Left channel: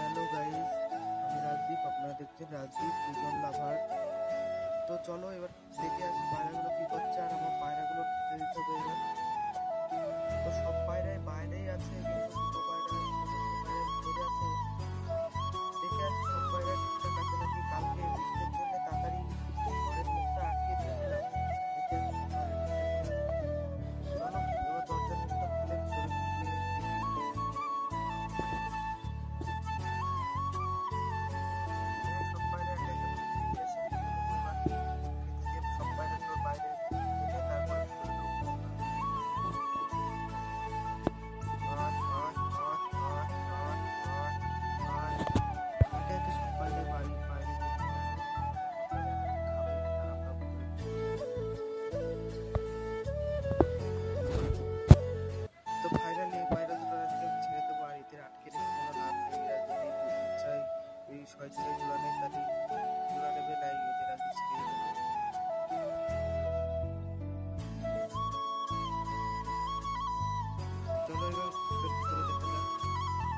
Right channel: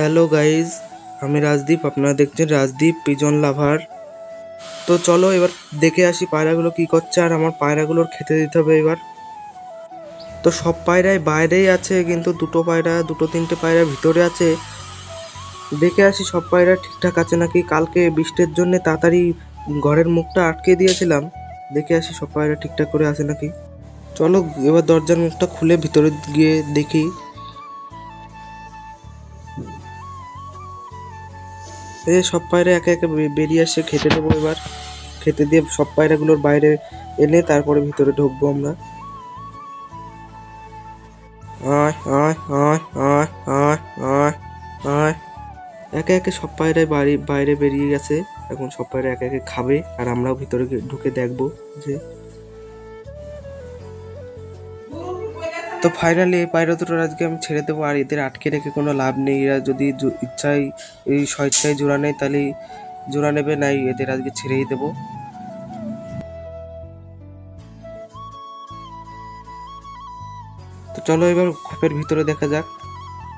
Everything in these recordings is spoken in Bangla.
হ্যালো গাইজ, আমি রাজদীপ। আপনারা দেখছেন রাজদীপ পিজন লাভার। তো চলো এবার দেখে আসি পায়রাগুলো কি করছে, আর আমার পায়রাগুলোর খেতে দিতে হবে এবার। তো সব পায়রাই বাইরেই আছে, কিন্তু দুটো তিনটে পায়রা ভিতরে আছে। দেখে আসি সব পায়রা ঠিকঠাক আছে নাকি। কালকে বৃষ্টির জন্য তাড়াতাড়ি ঘরের মুখটা আটকে দিয়েছিলাম। দেখে আসি সব পায়রা ঠিকঠাক করে আছে নাকি। চলো এবার দরজার মুখটা খুলে ভিতরে গিয়ে দেখি। সব পায়রা একে একে বেরিয়ে আসে, খেতে দেবো এবার। খেতে দিয়ে সব পায়রাগুলোর বাইরে এনে তারপরে ভিতরে ঢুকবো আমরা। আয় আয় আয় আয় আয় আয় আয়। একে একে সব পায়রাই বাইরে বেরিয়ে গেছে। এখন সব পায়রা একে একে খাবে, আর আমরাও ভিতরে ঢুকে দেখবো যে। তো ফাইনালি এই পায়রা দুটোর আজকে আমি ছেড়ে দেবো, আর এদের আটকে রেখে কোনো লাভ নেই। এরা যদি ইচ্ছায় এই স্বেচ্ছায় জোড়া নেয় তাহলে জোড়া নেবে, নাই এদের আজকে ছেড়েই দেবো। তো চলো এবার খোপের ভিতরে দেখা যাক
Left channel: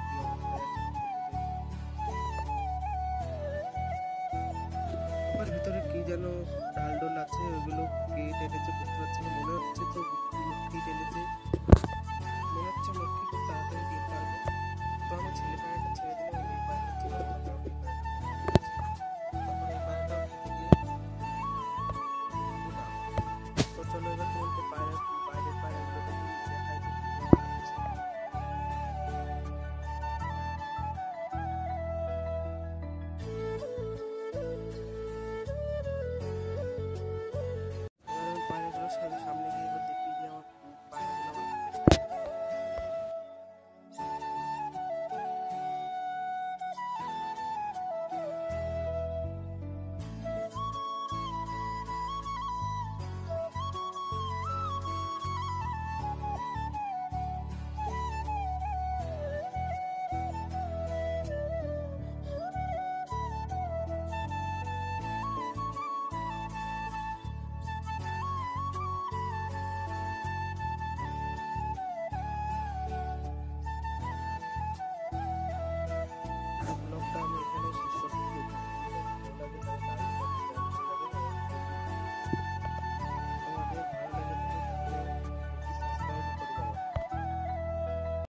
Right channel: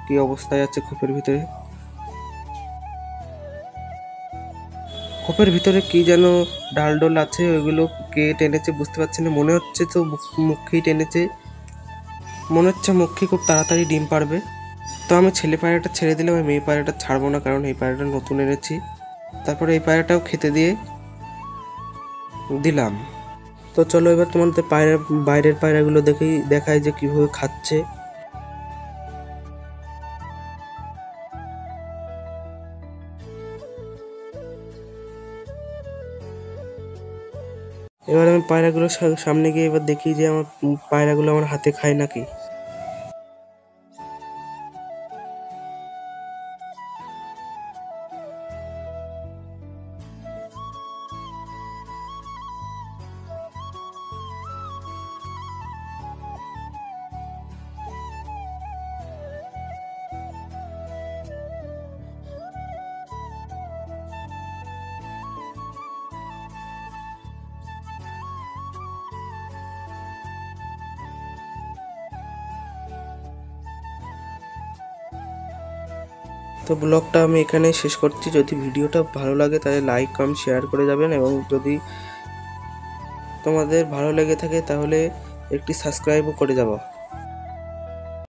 কি অবস্থায় আছে খোপের ভিতরে। খোপের ভিতরে কি যেন ডাল ডোল আছে, ওইগুলো কে টেনেছে বুঝতে পারছি না। মনে হচ্ছে তো মুখেই টেনেছে, মনে হচ্ছে মুখে খুব তাড়াতাড়ি ডিম পারবে। তো আমি ছেলে পায়রাটা ছেড়ে দিলাম, আমি মেয়ে পায়রাটা ছাড়বো না, কারণ এই পায়রাটা নতুন এনেছি। তারপরে এই পায়রাটাও খেতে দিয়ে দিলাম। তো চলো এবার তোমাদের বাইরের পায়রাগুলো দেখাই যে কিভাবে খাচ্ছে। এবার আমি পায়রাগুলোর সামনে গিয়ে এবার দেখি যে আমার পায়রাগুলো আমার হাতে খায় নাকি। তো ব্লগটা আমি এখানে শেষ করছি। যদি ভিডিওটা ভালো লাগে তাহলে লাইক কমেন্ট শেয়ার করে যাবেন, এবং যদি তোমাদের ভালো লেগে থাকে তাহলে একটি সাবস্ক্রাইবও করে যাবো।